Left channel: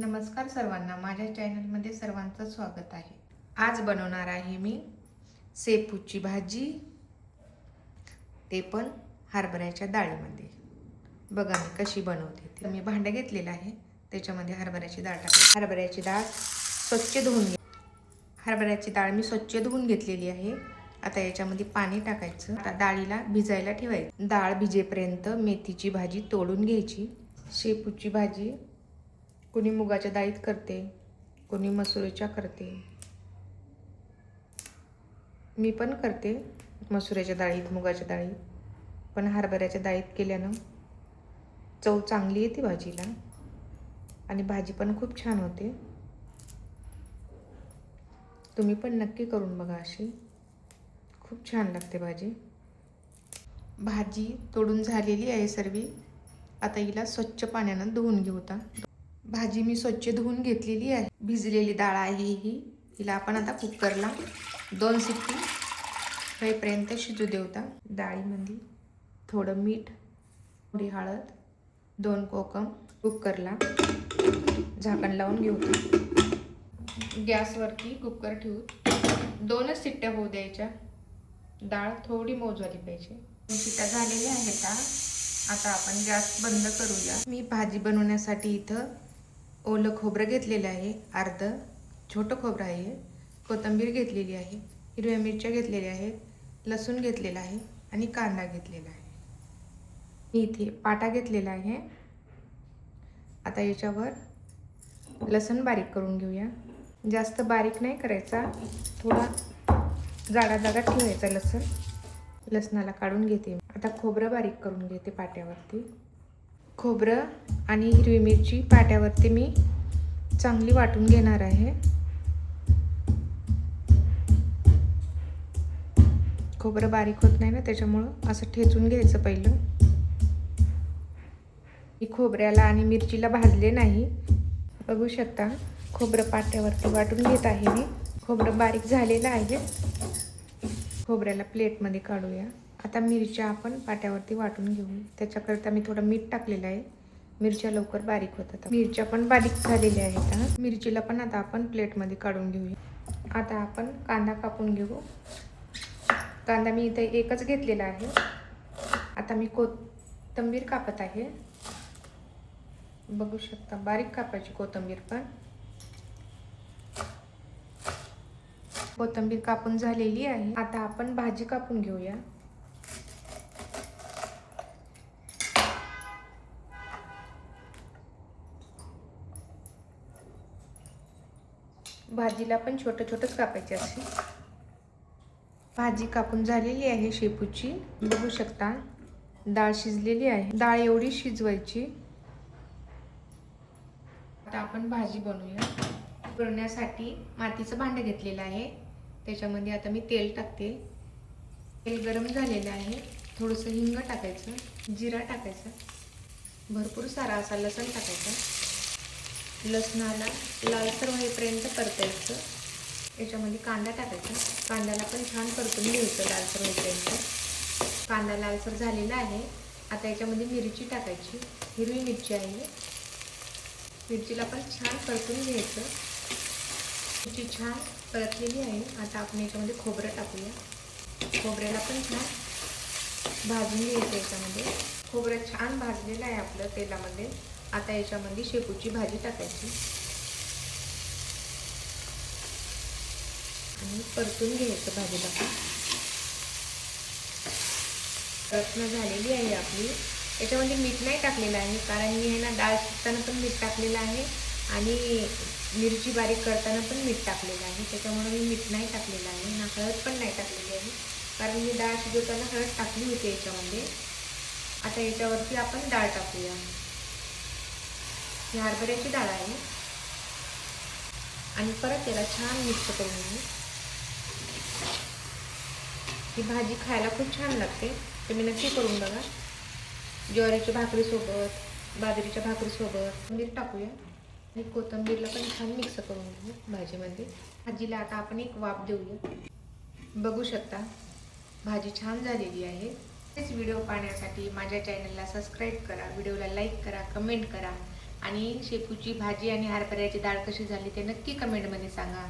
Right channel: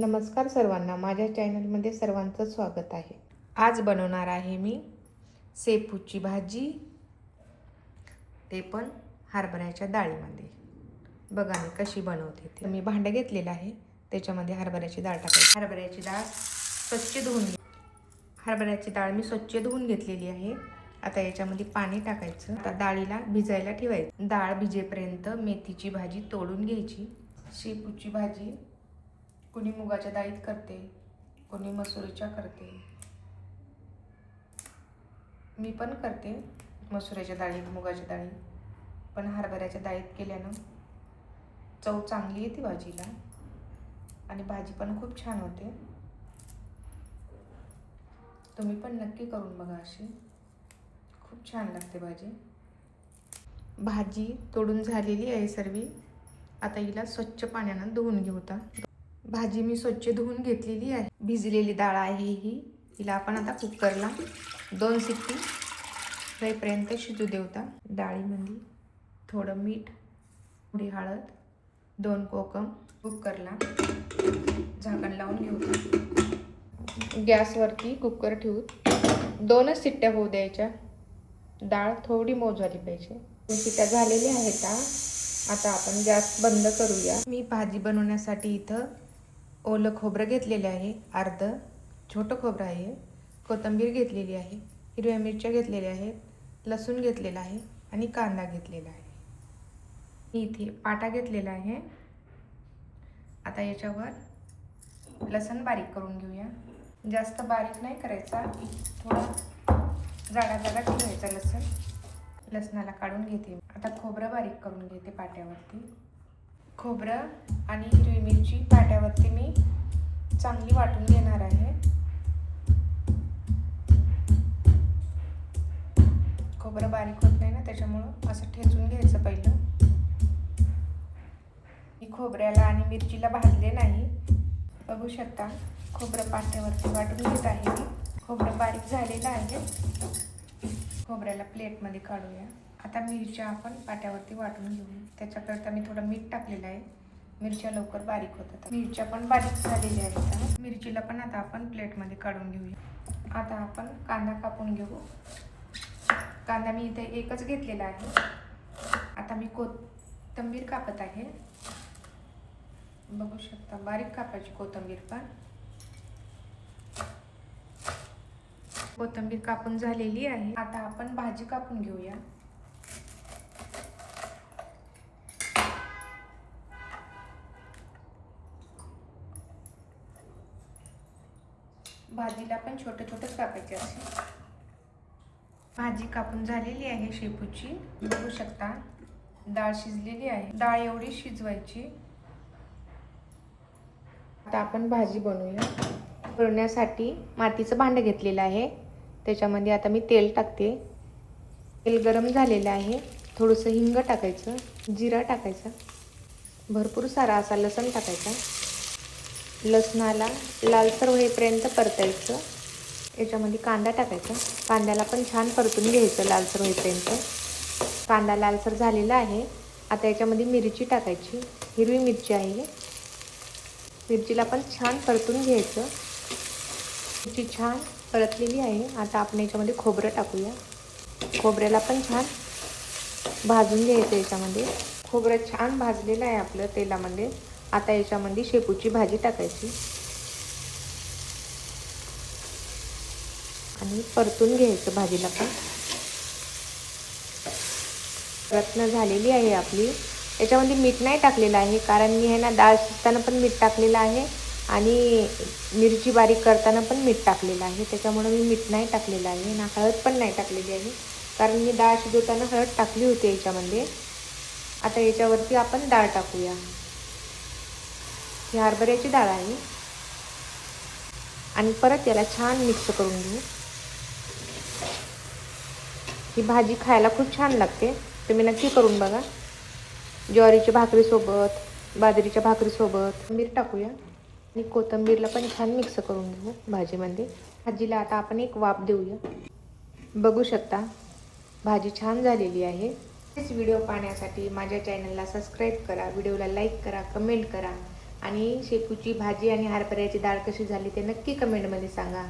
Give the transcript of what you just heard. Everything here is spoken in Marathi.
नमस्कार सर्वांना, माझ्या चॅनलमध्ये सर्वांचं स्वागत आहे। आज बनवणार आहे मी शेपूची भाजी, ते पण हरभऱ्याच्या डाळीमध्ये। बघा मी कशी बनवते ते। मी भांडं घेतलेलं आहे, त्याच्यामध्ये हरभऱ्याची डाळ टाकायची। हरभऱ्याची डाळ स्वच्छ धुवून हरभऱ्याची डाळ मी स्वच्छ धुवून घेतलेली आहे। आता याच्यामध्ये पाणी टाकायचं। आता डाळीला भिजायला ठेवायचं। डाळ भिजेपर्यंत मेथीची भाजी तोडून घ्यायची। शेपूची भाजी कोणी मुगाच्या डाळीत करते, कोणी मसुरीच्या करते। मी पण करते मसुरीच्या डाळीत, मुगाच्या डाळीत, पण हरभऱ्याच्या डाळीत केल्यानं चव चांगली येते भाजीला आणि भाजी पण खूप छान होते। तुम्ही पण नक्की करून बघा, अशी खूप छान लागते भाजी। भाजी तोडून झालेली आहे सर्व। आता हिला स्वच्छ पाण्याने धुवून घेऊ। भाजी मी स्वच्छ धुवून घेतलेली आहे। भिजलेली डाळ आहे ही। हिला आपण आता कुकरला 2 शिट्टी होईपर्यंत शिजू देऊता। डाळीमध्ये थोडं मीठ, थोडी हळद, 2 कोकम, कुकरला झाकण लावून घेऊ। गॅसवरती कुकर ठेवू 2च शिट्ट्या होऊ द्यायच्या। डाळ थोडी मऊ झाली पाहिजे। 2 शिट्ट्या झालेल्या आहेत। आता आपण गॅस बंद करूया। मी भाजी बनवण्यासाठी इथं ओलं खोबरं घेतलेलं आहे, अर्ध छोटं खोबरं आहे, कोथिंबीर घेतलेली आहे, हिरव्या मिरच्या घेतलेल्या आहेत, लसूण घेतलेला आहे आणि कांदा घेतलेला आहे। मी इथे पाटा घेतलेला आहे। आता याच्यावर लसूण बारीक करून घेऊया। जास्त बारीक नाही करायचा, थोडा जाडा जाडा ठेवायचा लसूण। लसणाला काढून घेते। आता खोबरं बारीक करून घेते पाट्यावरती। खोबरं आणि हिरवी मिरची पाट्यावरती मी चांगली वाटून घेणार आहे। खोबरं बारीक होत नाही ना, त्याच्यामुळं असं ठेचून घ्यायचं पहिलं। मी खोबऱ्याला आणि मिरचीला भाजले नाही, बघू शकता। खोबरं पाट्यावरती वाटून घेत आहे मी। खोबरं बारीक झालेलं आहे। खोबऱ्याला प्लेटमध्ये काढूया। आता मिरच्या आपण पाट्यावरती वाटून घेऊया। त्याच्याकरता मी थोडं मीठ टाकलेलं आहे, मिरच्या लवकर बारीक होतात। मिरच्या पण बारीक झालेल्या आहेत। मिरचीला पण आता आपण प्लेटमध्ये काढून घेऊया। आता आपण कांदा कापून घेऊ। कांदा मी इथे एकच घेतलेला आहे। आता मी कोथिंबीर कापत आहे, बघू शकता। बारीक कापायची कोथिंबीर पण। कोथिंबीर कापून झालेली आहे। आता आपण भाजी कापून घेऊया। भाजीला पण छोटे छोटेच कापायचे असे। भाजी कापून झालेली आहे शेपूची, बघू शकता। डाळ शिजलेली आहे। डाळ एवढी शिजवायची। आता आपण भाजी बनवूया। बनवण्यासाठी मातीचं भांडं घेतलेलं आहे, त्याच्यामध्ये आता मी तेल टाकते। तेल गरम झालेलं आहे। थोडंसं हिंग टाकायचं, जिरा टाकायचा, भरपूर सारा असा लसूण टाकायचा। लसणाला लालसर होईपर्यंत परतायचं। याच्यामध्ये कांदा टाकायचा। कांद्याला पण छान परतून घ्यायचं लालसर होईपर्यंत। कांदा लालसर झालेला आहे। आता याच्यामध्ये मिरची टाकायची, हिरवी मिरची आहे। मिरचीला पण छान परतून घ्यायचं। मिरची छान परतलेली आहे। आता आपण याच्यामध्ये खोबरं टाकूया। खोबऱ्याला पण छान भाजून घ्यायचं याच्यामध्ये। खोबरं छान भाजलेलं आहे आपलं तेलामध्ये। आता याच्यामध्ये शेपूची भाजी टाकायची आणि परतून घ्यायचं भाजीला पण। परतणं झालेली आहे आपली। याच्यामध्ये मीठ नाही टाकलेलं आहे, कारण मी ना डाळ शिजताना पण मीठ टाकलेलं आहे आणि मिरची बारीक करताना पण मीठ टाकलेलं आहे, त्याच्यामुळे मी मीठ नाही टाकलेलं आहे ना। हळद पण नाही टाकलेली आहे, कारण मी डाळ शिजवताना हळद टाकली होती याच्यामध्ये। आता याच्यावरती आपण डाळ टाकूया। ही हरभऱ्याची डाळ आहे आणि परत याला छान मिक्स करून घेऊ। ही भाजी खायला खूप छान लागते, तुम्ही नक्की करून बघा। ज्वारीच्या भाकरीसोबत, बाजरीच्या भाकरीसोबत। कोथिंबीर टाकूया आणि कोथिंबीरला पण छान मिक्स करून घेऊ भाजीमध्ये। भाजीला आता आपण एक वाफ देऊया। बघू शकता भाजी छान झालेली आहे। हेच व्हिडिओ पाहण्यासाठी माझ्या चॅनलला सबस्क्राईब करा, व्हिडिओला लाईक करा, कमेंट करा आणि शेपूची भाजी आणि हरभऱ्याची डाळ कशी झाली ते नक्की कमेंटमध्ये सांगा.